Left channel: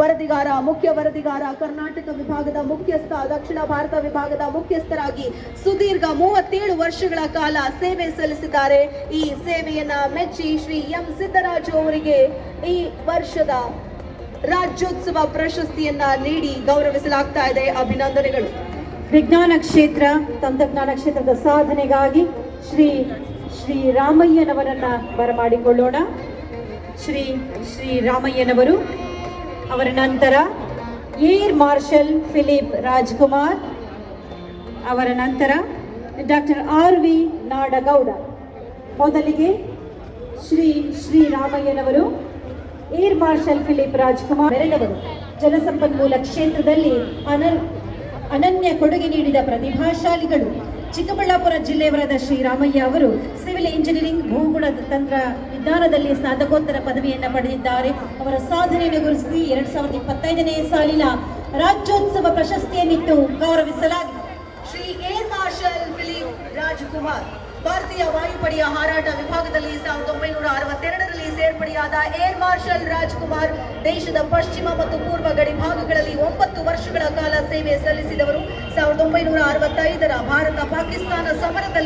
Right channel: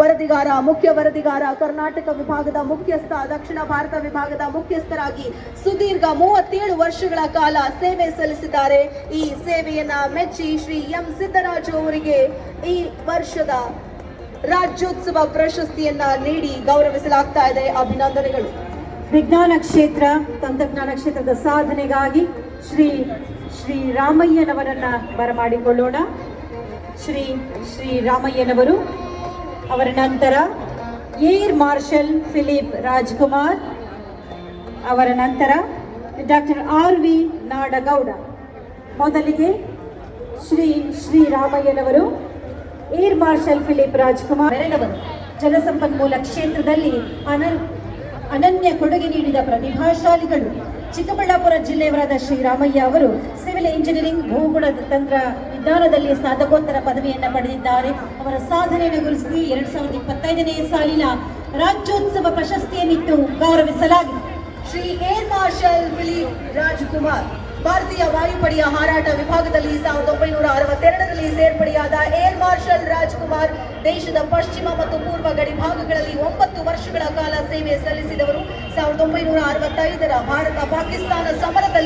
ವರದಿಗಾರ, ಮುಖ್ಯ ವರದಿಗಾರ, ಕರ್ನಾಟಕ ವಿಭಾಗದ ಮುಖ್ಯಸ್ಥ, ದಕ್ಷಿಣ ಭಾರತ ವಿಭಾಗದ ಮುಖ್ಯಸ್ಥರಾಗಿ ಸುದೀರ್ಘ ಮೂವತ್ತೇಳು ವರ್ಷಗಳ ಕಾಲ ಸೇವೆ ಸಲ್ಲಿಸಿದ್ದಾರೆ. ಈ ಸೇವೆಯನ್ನ ಮೆಚ್ಚಿ ಶ್ರೀ ಎಂ ಸಿದ್ದರಾಜು ಅವರಿಗೆ ಈ ವರ್ಷದ ರಾಜ್ಯೋತ್ಸವ ಪ್ರಶಸ್ತಿಯನ್ನ ನೀಡಿ ಗೌರವಿಸಲಾಗ್ತಾ ಇದೆ. ಅಭಿನಂದನೆಗಳು. ವಿಜ್ಞಾನ ಕ್ಷೇತ್ರ, ತಂತ್ರಜ್ಞಾನ ಕ್ಷೇತ್ರದ ಸಾಧನೆಗಾಗಿ ಶ್ರೀ ಶ್ರೀ ರಾಮಯ್ಯನವರನ್ನ ಬರಮಾಡಿಕೊಳ್ಳೋಣ. ಶ್ರೀ ಶ್ರೀ ರಾಮಯ್ಯನವರು ಅವರ ನಂತರ ಏರ್ ಮಾರ್ಷಲ್ ಫಿಲಿಪ್ ರಾಜ್ಕುಮಾರ್, ಅವರ ನಂತರ ಡಾಕ್ಟರ್ ಆರ್ ವಿ ನಾಡಗೌಡ. ಮೊದಲಿಗೆ ಶ್ರೀ ಶ್ರೀರಾಮಯ್ಯನವರು ಏರ್ ಮಾರ್ಷಲ್ ಫಿಲಿಪ್ ರಾಜ್ಕುಮಾರ್ ಜನಸಂಪನ್ಮೂಲ ಜಲಸಂಪನ್ಮೂಲ ಕ್ಷೇತ್ರದಲ್ಲಿ ಅನನ್ ಅನನ್ಯ ಕೊಡುಗೆ ನೀಡಿದ ಪ್ರತಿಭಾಶಾಲಿಗಳು. ಚಿಕ್ಕಬಳ್ಳಾಪುರ ಜಿಲ್ಲೆಯವರಾದ ಶ್ರೀರಾಮಯ್ಯ ಅವರು ಸಿವಿಲ್ ಇಂಜಿನಿಯರಿಂಗ್ ಭೂಗುಣ ತಂತ್ರ ವಿಜ್ಞಾನದಲ್ಲಿ ಸ್ನಾತಕೋತ್ತರ ಪದವಿಯನ್ನು ಪಡೆದಿದ್ದಾರೆ. ಅವರ ಸಾಧನೆಯನ್ನು ಗುರುತಿಸಿ ಎರಡ್ ಸಾವಿರದ ಇಪ್ಪತ್ತೈದನೇ ಸಾಲಿನ ರಾಜ್ಯೋತ್ಸವ ಪ್ರಶಸ್ತಿಯನ್ನಿಟ್ಟು ಗೌರವಿಸಲಾಗಿದೆ. Shri air marshal Rajkumar. ಭಾರತೀಯ ವಾಯುಪಡೆಯ ಹಾರಾಟ ವಿಭಾಗದಲ್ಲಿ ಸಾವಿರದ ಒಂಬೈನೂರ ಅರವತ್ತೆರಡರಲ್ಲಿ ಸೇರ್ಪಡೆಯಾದ ಏರ್ ಮಾರ್ಷಲ್ ರಾಜ್ಕುಮಾರ್ ದೇಶದ ಪಶ್ಚಿಮ ಮತ್ತು ಪೂರ್ವ ಗಡಿ ಭಾಗಗಳಲ್ಲಿ ಒಂಬತ್ತು ವರ್ಷಗಳ ಕಾಲ ಸೇವೆ ಸಲ್ಲಿಸಿದವರು ಸಾವಿರದ ಒಂಬೈನೂರ ಅರವತ್ತೈದರ ಭಾರತ ಪಾಕಿಸ್ತಾನ ಸಮರದಲ್ಲಿ